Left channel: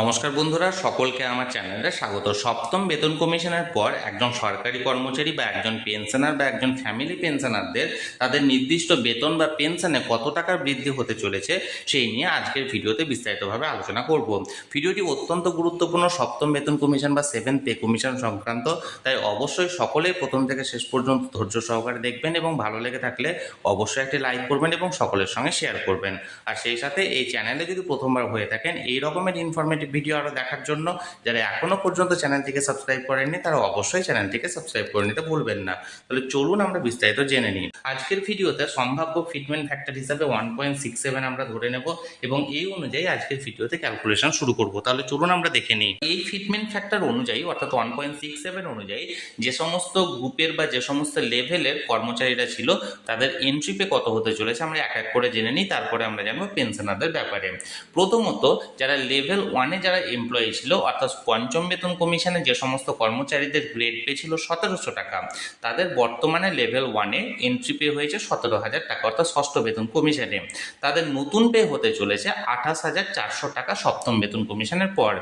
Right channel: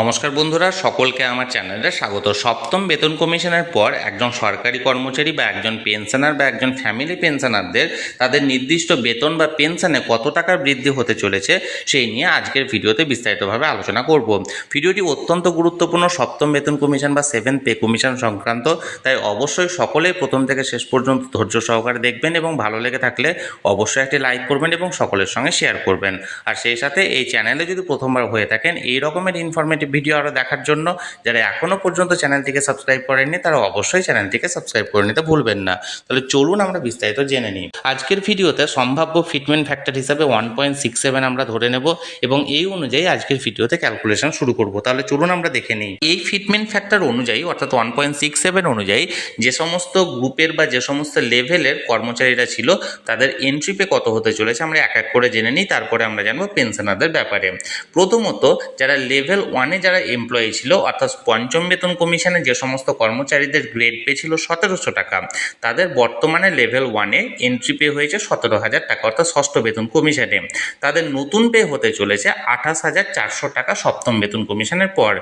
নমস্কার বন্ধুরা, সকলকে আমার চ্যানেলে স্বাগত। সপ্তম বেতন কমিশনের পর একজন সরকারি কর্মচারী বা একজন পেনশনার বা একজন ফ্যামিলি পেনশনারদের তাদের নির্দিষ্ট বেতন বা পেনশনে কত টাকার বৃদ্ধি হতে চলেছে সেই নিয়ে আজকের ভিডিওতে বিস্তারিতভাবে আলোচনা করব। ভিডিওটি অত্যন্ত গুরুত্বপূর্ণ সপ্তম বেতন কমিশন বা সেভেন্থ পে কমিশন সংক্রান্ত, তাই অবশ্যই সকলেই প্রথম থেকে শেষ পর্যন্ত ধৈর্য সহকারে দেখবেন এবং ভালো লেগে থাকলে অবশ্যই একটি লাইক করবেন এবং সকলের সঙ্গে শেয়ার করবেন। আর সেই সাথে এই চ্যানেলে যদি প্রথমবার হয়ে থাকেন এই রকমের ইনফরমেটিভ ভিডিও আরও দেখার জন্য যারা এখনও পর্যন্ত চ্যানেলটিকে সাবস্ক্রাইব করেননি তারা অবশ্যই চ্যানেলটিকে সাবস্ক্রাইব করে নিতে ভুলবেন না। তাহলে চলুন আমরা বিস্তারিত জেনে নিই। আজকের ভিডিওতে সম্ভাব্য ফিটমেন্ট ফ্যাক্টর হিসাবে 1.67 আমরা ধরে নেব এবং এই অনুযায়ী আজকের ভিডিওতে ক্যালকুলেশন শুরু করব। তাহলে চলুন আমরা দেখে নিই। এই ফিটমেন্ট ফ্যাক্টর অনুযায়ী অর্থাৎ 1.67 অনুযায়ী যে সমস্ত গ্রুপের বা যে সমস্ত লেভেলের কর্মচারীরা ছিল তাদের এন্ট্রি পে কত হতে চলেছে আমরা এক এক করে জেনে নিই, তারপরে আমরা জানবো পেনশনারদের ব্যাপারে। প্রথমত যারা লেভেল 1-এ যারা এমপ্লয়ি ছিল অর্থাৎ পঞ্চম বেতন কমিশনে যে সমস্ত কর্মচারীদের গ্রেড পে ছিল 1700 টাকা, তাদের বর্তমানে লেভেল 1-এ এন্ট্রি পে হয়েছে 17,000 টাকা অর্থাৎ ষষ্ঠ বেতন কমিশনে। তাদের নতুন পে হতে চলেছে 28,400 টাকা সপ্তম বেতন কমিশনের পর।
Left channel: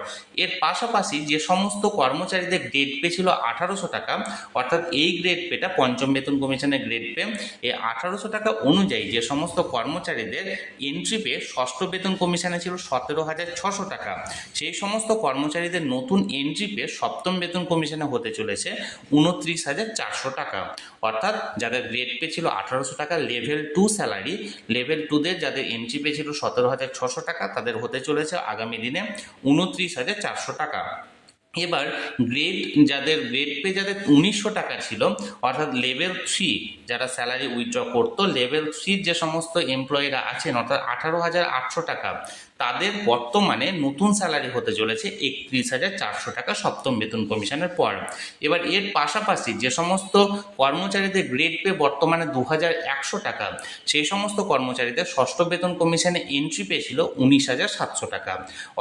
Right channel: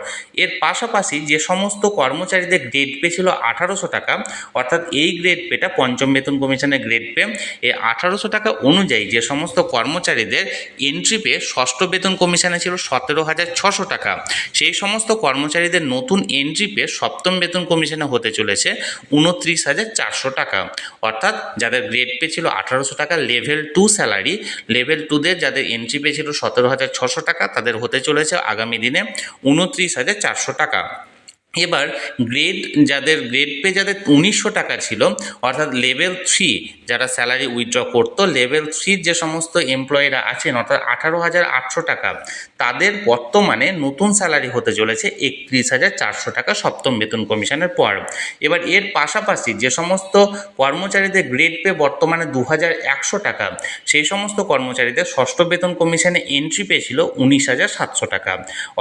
এর পাশাপাশি যে সমস্ত কর্মচারীদের গ্রেড পে ছিল 1800 টাকা অর্থাৎ এই গ্রেড পেটা পঞ্চম বেতন কমিশনের গ্রেড পে, এই 1800 টাকা অনুযায়ী যে সমস্ত কর্মচারীদের এন্ট্রি পে ষষ্ঠ বেতন কমিশনে ছিল 17,600 টাকা, সেই সমস্ত কর্মচারীদের নতুন এন্ট্রি পে সপ্তম বেতন কমিশনে হতে চলেছে 29,400 টাকা। অর্থাৎ যাদের গ্রেড পে ছিল 1800 টাকা লেভেল 2 স্যালারি, লেভেল 2দের যাদের এন্ট্রি পে ছিল 17,600 টাকা তাদের হতে চলেছে আগামী দিনে 29,400 টাকা। এবার যাদের গ্রেড পে যাদের 1900 টাকা ছিল অর্থাৎ লেভেল 3 যারা স্যালারি উইথড্র করতো, লেভেল 3 যে সমস্ত এমপ্লয়িরা আছেন অর্থাৎ 18,800 টাকা, তাদের বর্তমানে নতুন স্যালারি হতে চলেছে 31,400 টাকা সপ্তম বেতন কমিশনের পর। এবার এর পাশাপাশি যে সমস্ত কর্মচারীদের গ্রেড পে বর্তমানে 2,100 টাকা, সেই সমস্ত কর্মচারীদের ষষ্ঠ বেতন কমিশনে এন্ট্রি পে ছিল 19,700 টাকা।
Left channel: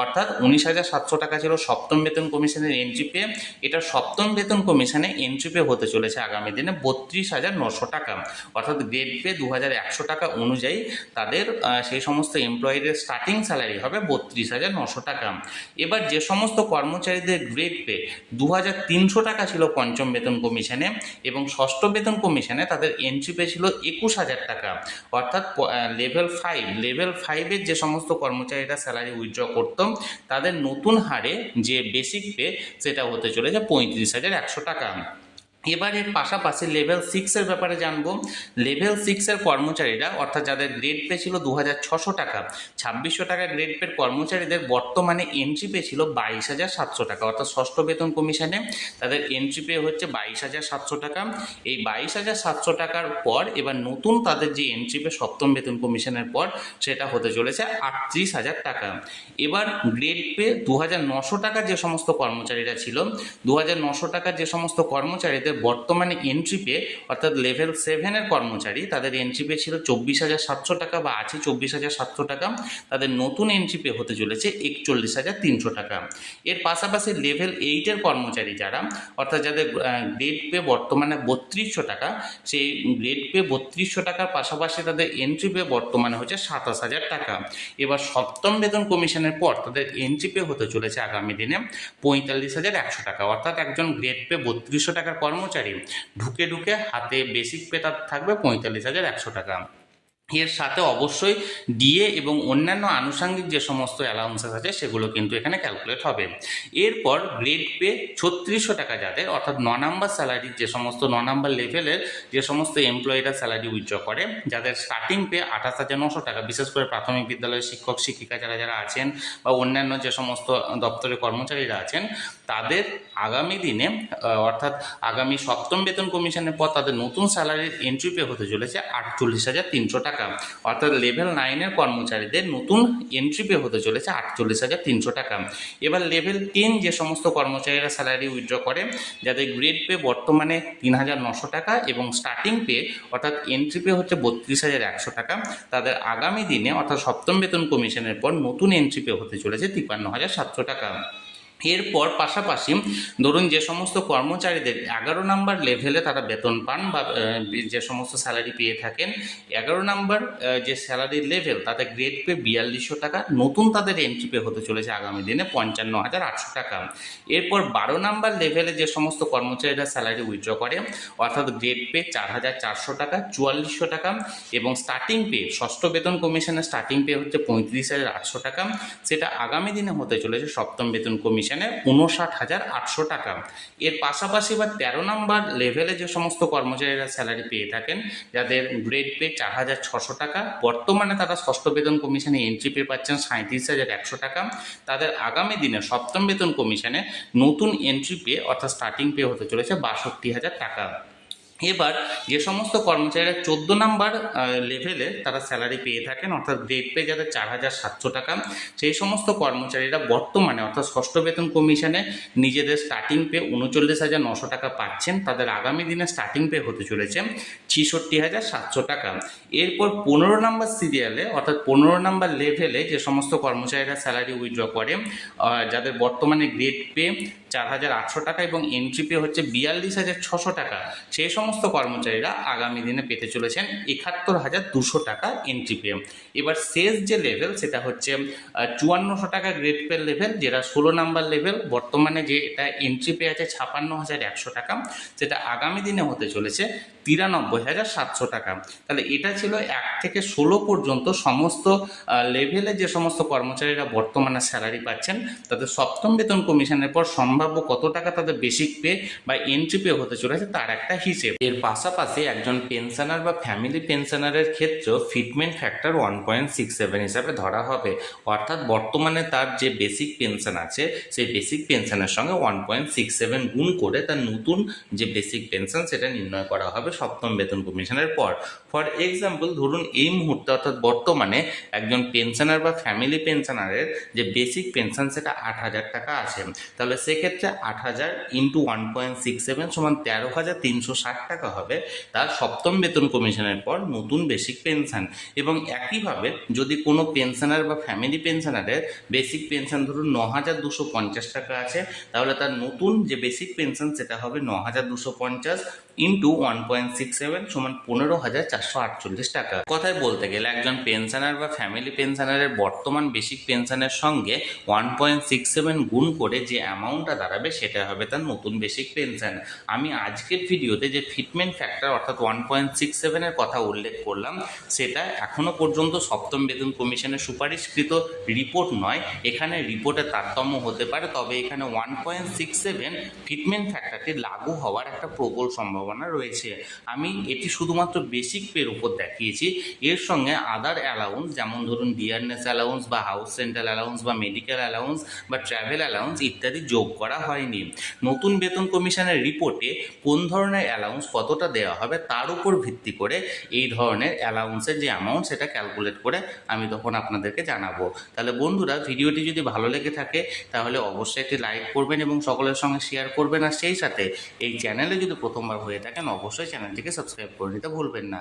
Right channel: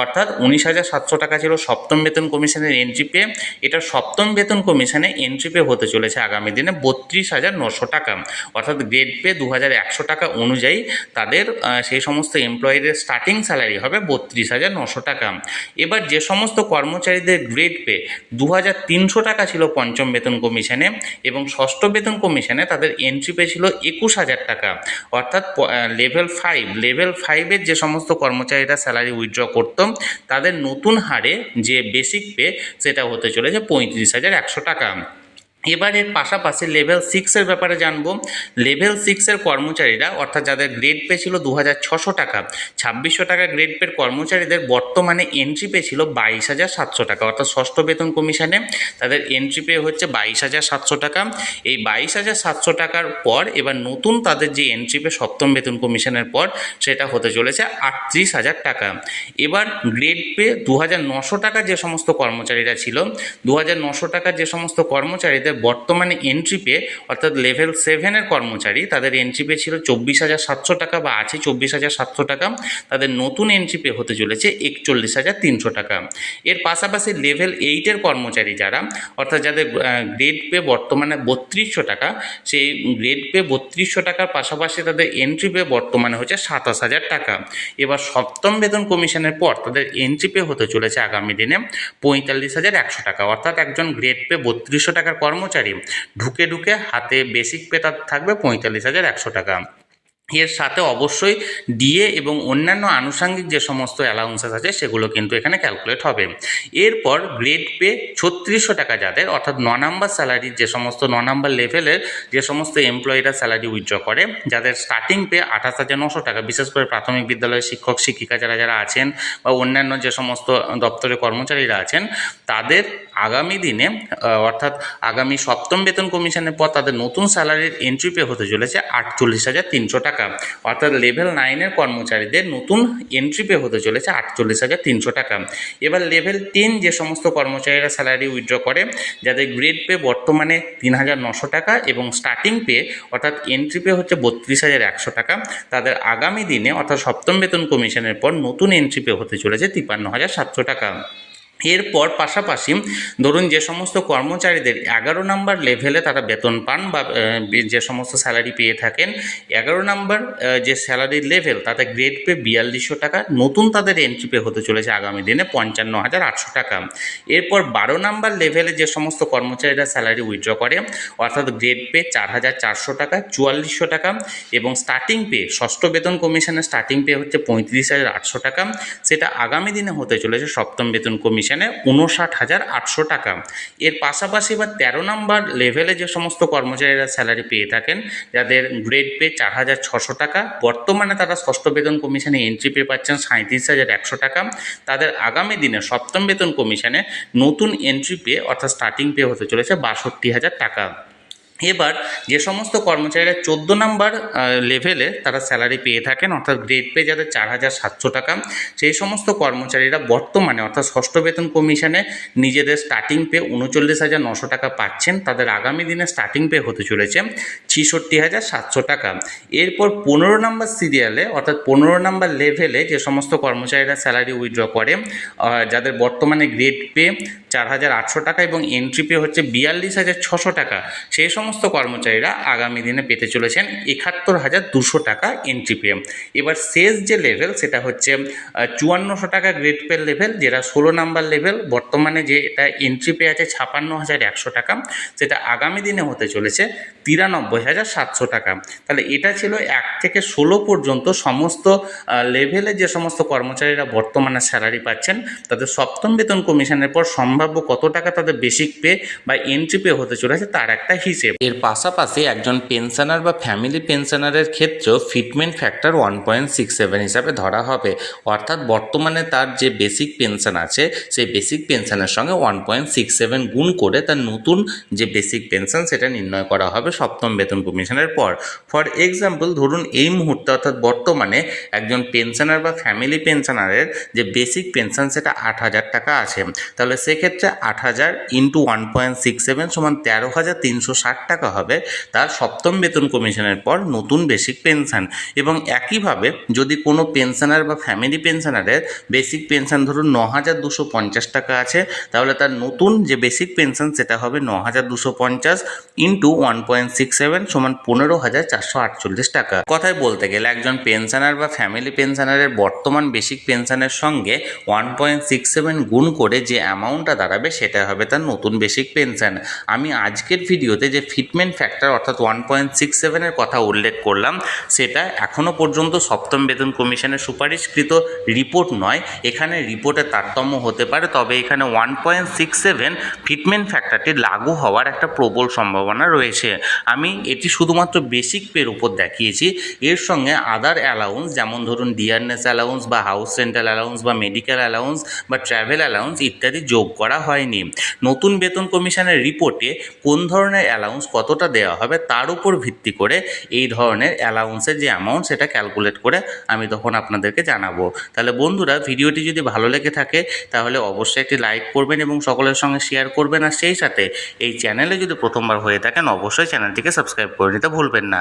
অর্থাৎ 19,700 টাকা ছিল সপ্তম বেতন কমিশনের এন্ট্রি পে, এটা সপ্তম বেতন কমিশনে এন্ট্রি পে হতে চলেছে আগামী দিনে 32,900 টাকা। অর্থাৎ গ্রেড পে 2,100 টাকা অনুযায়ী তাদের সেই সমস্ত এমপ্লয়িদের স্টার্টিং স্যালারি হবে 32,900 টাকা। এবার যে সমস্ত কর্মচারীদের গ্রেড পে 2,300 টাকা ছিল পঞ্চম বেতন কমিশনে এবং ষষ্ঠ বেতন কমিশনে তাদের এন্ট্রি পে ছিল 21,000 টাকা। অর্থাৎ লেভেল 5-এর যে সমস্ত কর্মচারীরা স্যালারি উইথড্র করত তাদের নতুন হারে যে বেসিক পে সেটা হতে চলেছে 35,100 টাকা। এবার এর পাশাপাশি লেভেল 6-এর ব্যাপারে জানবো। লেভেল 6-এর কর্মচারীরা অর্থাৎ যাদের গ্রেড পে ছিল 2,600 টাকা, 2,600 টাকা গ্রেড পের কর্মচারীদের বর্তমানে এন্ট্রি পে ছিল 22,700 টাকা। অর্থাৎ ষষ্ঠ বেতন কমিশনে তাদের এন্ট্রি পে হচ্ছে 22,700 টাকা। এই 22,700 টাকার পর এবার নতুন তাদের যে এন্ট্রি পে সপ্তম বেতন কমিশনের পর সেটা হতে চলেছে 38,000 টাকা। এবার গ্রেড পে 2,900 টাকা যে সমস্ত কর্মচারীরা ছিল, 2,900 টাকার যে সমস্ত কর্মচারীদের বর্তমানে এন্ট্রি পে অর্থাৎ লেভেল 7-এর কর্মচারী তাদের এন্ট্রি পে ছিল 24,700 টাকা বা আছে 24,700 টাকা, তাদের নতুন এন্ট্রি পে হতে চলেছে 41,300 টাকা। এর পাশাপাশি লেভেল 8-এর কর্মচারী যারা অর্থাৎ যাদের গ্রেড পে বর্তমানে 3200 টাকা, সেই গ্রেড পে 3200 টাকার পাশাপাশি তাদের এন্ট্রি পে বর্তমানে হচ্ছে 27,000 টাকা। এবার সপ্তম বেতন কমিশনের পর তাদের এন্ট্রি পে হতে চলেছে আগামী দিনে 45,100 টাকা। অর্থাৎ একজন গ্রেড পে 3200 টাকার কর্মচারী ঢুকে হাতে বেসিক পে তার থাকবে 45,100 টাকা। এর সাথে অবশ্যই ডিএ এবং অন্যান্য আনুষঙ্গিক যে সমস্ত অ্যালাউন্সেস আছে সেগুলো কিন্তু এখানে ক্যালকুলেট হবে। এরপর গ্রেড পে 3600 টাকা যাদের অর্থাৎ 9 নাম্বার স্যালারির যে সমস্ত 9 নাম্বার লেভেলের যে সমস্ত এমপ্লয়িরা স্যালারি উইথড্র করে যাদের স্টার্টিং পে 28,900 টাকা, বিশেষ করে প্রাথমিক বিদ্যালয়ের শিক্ষক শিক্ষিকা যারা আছেন বা অন্যান্য যে সমস্ত দপ্তরের কর্মচারীরা আছেন, তাদের আগামী দিনে অর্থাৎ আগামী সপ্তম বেতন কমিশনের পর তাদের নতুন স্যালারির এন্ট্রি পে হতে চলেছে 48,300 টাকা। অর্থাৎ লেভেল 9-এর কর্মচারীদের নতুন এন্ট্রি পে হতে চলেছে 48,300 টাকা। এবার লেভেল 10 যে সমস্ত কর্মচারীরা স্যালারি উইথড্র করে যাদের গ্রেড পে বর্তমানে 3,900 টাকা এবং স্টার্টিং পে অর্থাৎ এন্ট্রি পে হচ্ছে 32,100 টাকা, তাদের আগামী দিনে অর্থাৎ সপ্তম বেতন কমিশনের পর নতুন এন্ট্রি পে হতে চলেছে 53,700 টাকা। এরপর পাশাপাশি ধরুন যে সমস্ত কর্মচারীদের 11 নম্বর লেভেলে তারা বেতন পান বা যে সমস্ত স্যালারি পেয়ে থাকেন, 11 নম্বর যে স্যালারির লেভেল তাতে গ্রেড পে 4200 টাকা, নতুন তাদের এন্ট্রি পে হতে চলেছে আগামী দিনে 55,800 টাকা। এরপর 12 নম্বর লেভেলে যে সমস্ত কর্মচারীরা স্যালারি উইথড্র করে অর্থাৎ গ্রেড পে 4,400 টাকা, 4400 টাকা এবং স্টার্টিং পে ষষ্ঠ বেতন কমিশনের স্টার্টিং পে হচ্ছে 35,800 টাকা, সেটা আগামী দিনে হতে চলেছে সপ্তম বেতন কমিশনে 59,800 টাকা। এর পাশাপাশি বা 13 নম্বর লেভেলে যে সমস্ত কর্মচারীরা স্যালারি পেয়ে থাকেন যাদের গ্রেড পে 4,600 টাকা, বর্তমানে তারা ষষ্ঠ বেতন কমিশনে এন্ট্রি পে পাচ্ছেন 37,100 টাকা, তাদের আগামী দিনে সপ্তম বেতন কমিশনে নতুন এন্ট্রি পে অর্থাৎ স্টার্টিং পে হতে চলেছে 62,000 টাকা। এবার যে সমস্ত কর্মচারীরা 14 নম্বর লেভেলে তারা স্যালারি পেয়ে থাকেন অর্থাৎ গ্রেড পে যাদের 4,700 টাকা, সেই সমস্ত কর্মচারীরা বর্তমানে অর্থাৎ ষষ্ঠ বেতন কমিশনে নিজেদের স্টার্টিং পে 39,900 টাকা পাচ্ছেন, তাদের আগামী দিনে স্টার্টিং পে হতে চলেছে 66,700 টাকা। এরপর 15 নম্বর সিরিয়ালে অর্থাৎ 15 নম্বর লেভেলে যে সমস্ত কর্মচারীরা স্যালারি উইথড্র করে যাদের বর্তমানে গ্রেড পে 4,800 টাকা এবং এন্ট্রি পে হচ্ছে 42,600 টাকা, সেই সমস্ত কর্মচারীরা আগামী দিনে পেতে চলেছেন 71,200 টাকা এন্ট্রি পে। এবার শেষ যে লেভেল সেটা হচ্ছে 5400 টাকা গ্রেড পে লেভেল, যেটা 16 নাম্বার লেভেল, বর্তমানে যে এটা এন্ট্রি পে আছে 56,100 টাকা, সেটা আগামী দিনে হতে চলেছে 93,700 টাকা। তাহলে এটা ছিল 1 থেকে 16 পর্যন্ত সমস্ত লেভেলে যে সমস্ত কর্মচারীরা বর্তমানে স্যালারি পাচ্ছেন তাদের সপ্তম বেতন কমিশনের পর সম্ভাব্য কত টাকা তাদের বেসিক পে বা এন্ট্রি পে হতে চলেছে তার একটা হিসেব। এর পাশাপাশি একজন পেনশনার বা ফ্যামিলি পেনশনারের ক্ষেত্রেও ফিটমেন্ট ফ্যাক্টর 1.67 হিসাবে ধরা হবে, অর্থাৎ বর্তমানে তার যে বেসিক পেনশন আছে সেই বেসিক পেনশনের সঙ্গে 1.67 গুণ করে তার নতুন যে বেসিক পেনশন সেটা নির্ণয় করা হবে সপ্তম বেতন কমিশনের পর। ফর এক্সাম্পল ধরুন এই মুহূর্তে অর্থাৎ বর্তমানে একজন পেনশনার বা ফ্যামিলি পেনশনারের যে বেসিক পেনশন সেটা 8,000 টাকা আছে, তাহলে সেক্ষেত্রে 8,000 ইন্টু 1.67 সমান 13,360 টাকা হবে তার সপ্তম বেতন কমিশনের পর নতুন বেসিক পেনশন। এবং একইভাবে যদি কোনো পেনশনার বা ফ্যামিলি পেনশনারের বেসিক পেনশন ধরুন 9,250 টাকা আছে, তাহলে তার নতুন যে বেসিক পেনশন সেটা হবে 9,250 ইন্টু 1.67 সমান 15,448 টাকা। কথায় বলতে গেলে একজন পেনশনার বা ফ্যামিলি পেনশনারের বর্তমান বেসিক পেনশনের সঙ্গে 1.67 গুণ করে যে অ্যামাউন্টটা দাঁড়াবে সেটা হবে তার নতুন বেসিক পেনশন। আমি আজকের ভিডিওতে যে ফিটমেন্ট ফ্যাক্টর অর্থাৎ 1.67 এর কথা উল্লেখ করলাম সেটা এখনও পর্যন্ত সপ্তম বেতন কমিশনের সুপারিশকৃত রিপোর্ট নয়, এখানে রিপোর্টে তারতম্য হতে পারে, তবে এখানে 1.67 ফিটমেন্ট ফ্যাক্টরটি লাগু হওয়ার একটা প্রবল সম্ভাবনা রয়েছে। আমি এটি শুধুমাত্র বেসিক পের উপর দেখিয়েছি, এর সঙ্গে আদার অ্যালাউন্স যেমন ধরুন ডিয়ারনেস অ্যালাউন্স বা হাউস রেন্টাল অ্যালাউন্স বা মেডিকেল অ্যালাউন্স বা ট্রাভেল অ্যালাউন্স ইত্যাদি যোগ করা হয়নি। নতুন বেতন কমিশনের রিপোর্টে কোন ধরনের অ্যালাউন্স কতটা দেওয়া হবে তার উপর ভিত্তি করে এই ধরনের অ্যালাউন্সের যে অ্যামাউন্ট সেটা ক্যালকুলেট করে আমি তখন আপনাদেরকে জানাবো। তাহলে বন্ধুরা ভিডিওটি যদি ভালো লেগে থাকে তাহলে অবশ্যই একটি লাইক করবেন এবং সকলের সঙ্গে শেয়ার করবেন, আর সেই সাথে এই চ্যানেলে যদি প্রথমবার হয়ে থাকেন অবশ্যই চ্যানেলটিকে সাবস্ক্রাইব করে নিতে ভুলবেন না।